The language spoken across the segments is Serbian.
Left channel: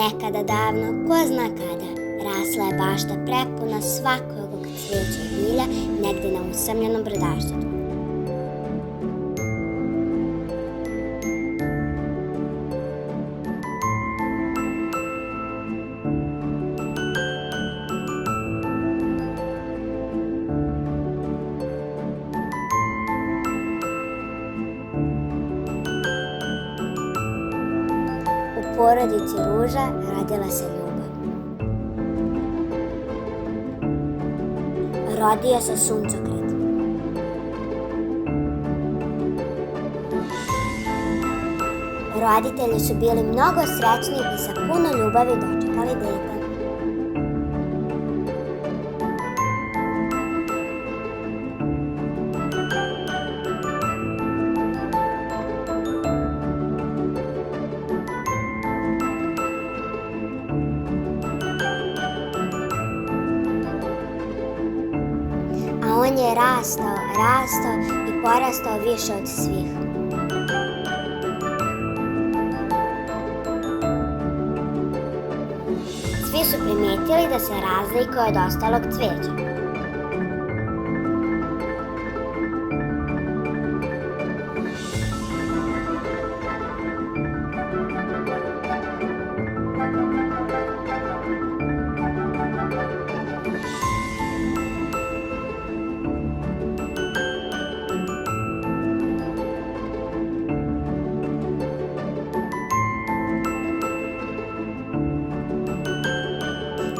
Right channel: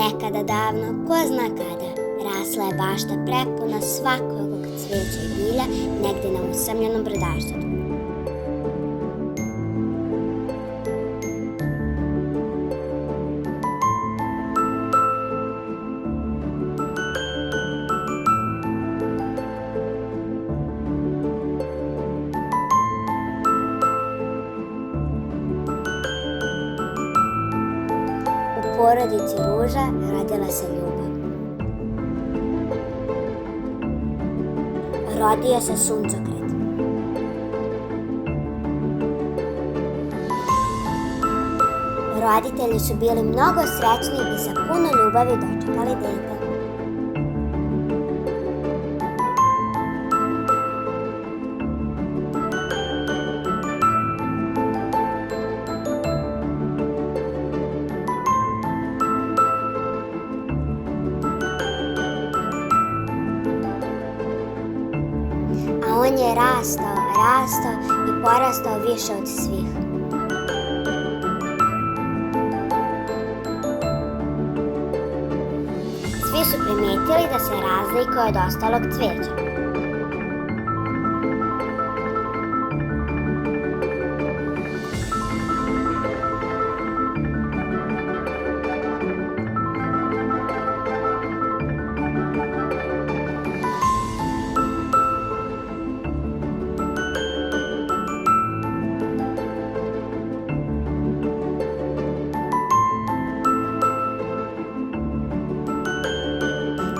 Nekada davno, ko zna kada, rasla je bašta prepuna svakog cvijeća i bilja negdje na usamljenom brdaštetu. U porodici Ruža rodila se ljubav. Rodio se suncokret. Roditelji su bili mnogo srećni i sa puno ljubavi dočekali dete. A on je rastao i porastao više od svih. Svi su primijetili da se razlikuje od ostalog cvijeća.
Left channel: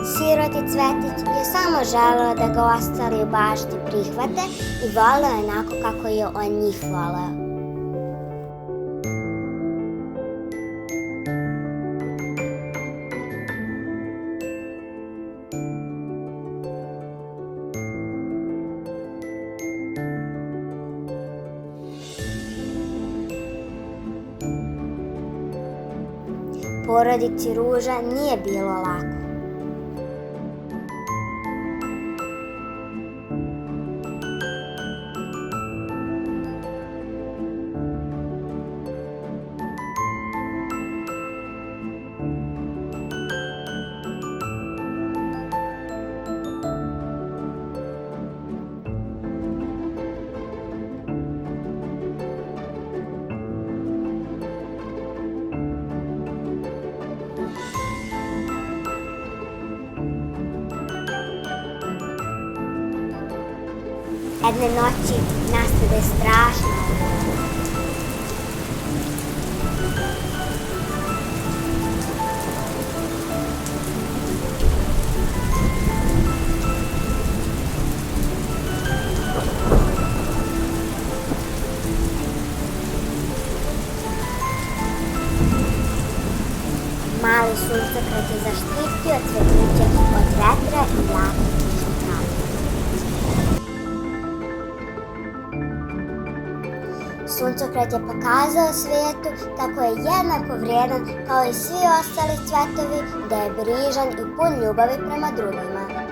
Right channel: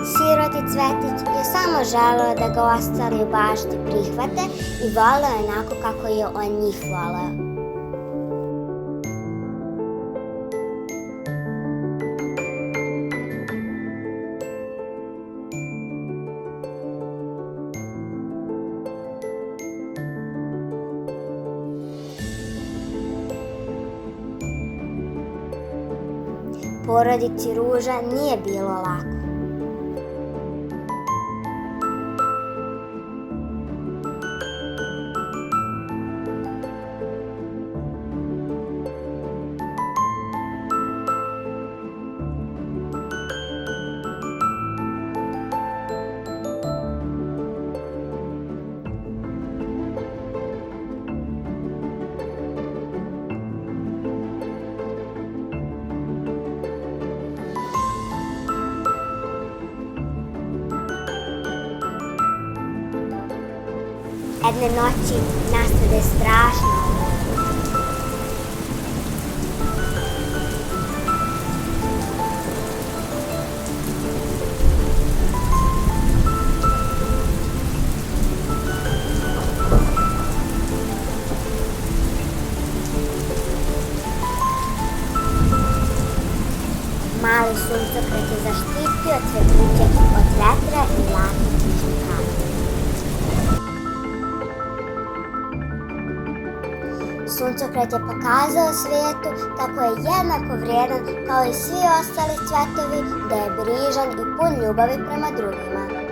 Siroti Cvetić je samo želeo da ga ostali u bašti prihvate i voleo onako kako je on njih voleo. Porodici Ruža nije bilo lako. Jedne noći nastade strašna oluja. Mali suncokret je zaštitio cvetiće od vetra i jakih kišnih kapi. Suncokret je pokazao svijetu kako je jednako vrijedan kao i svi ostali cvetovi, da je brižan i pun ljubavi prema drugima.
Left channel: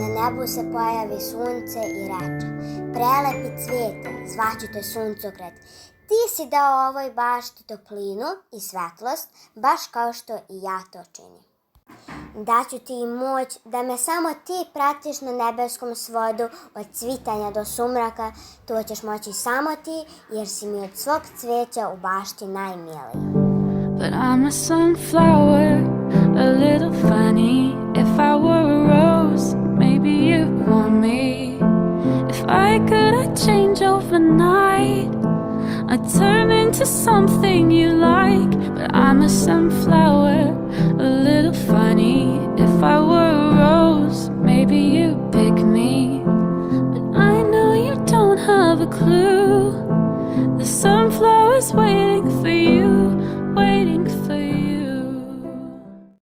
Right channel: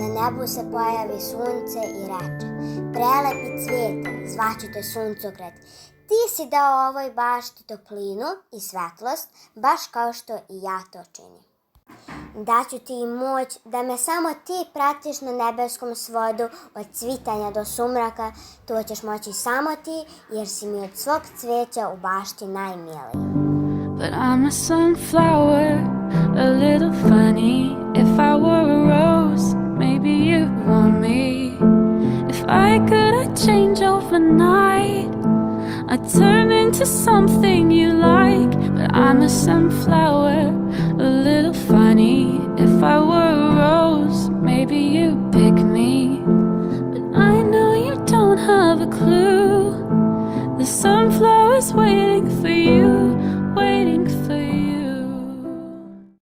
Na nebu se pojavi sunce i reče: prelepi cvijete, zvaću te suncokret, ti si dao ovoj bašti toplinu i svetlost, baš kao što i ja to činim. Daću ti i moć da me samo ti pratiš na nebeskom svodu od cvitanja do sumraka, to ćeš moći samo ti jer si mi od svog cvijeća u bašti najmiliji. But I'm a sunflower, a little funny. If I were a rose, maybe you'd want me. If I could, I'd change overnight. I'd turn into something you like. But I'm a sunflower, a little funny. If I were a rose, maybe you'd pick me. But I know you don't have a clue. The sunflower's waiting for you, waiting for you.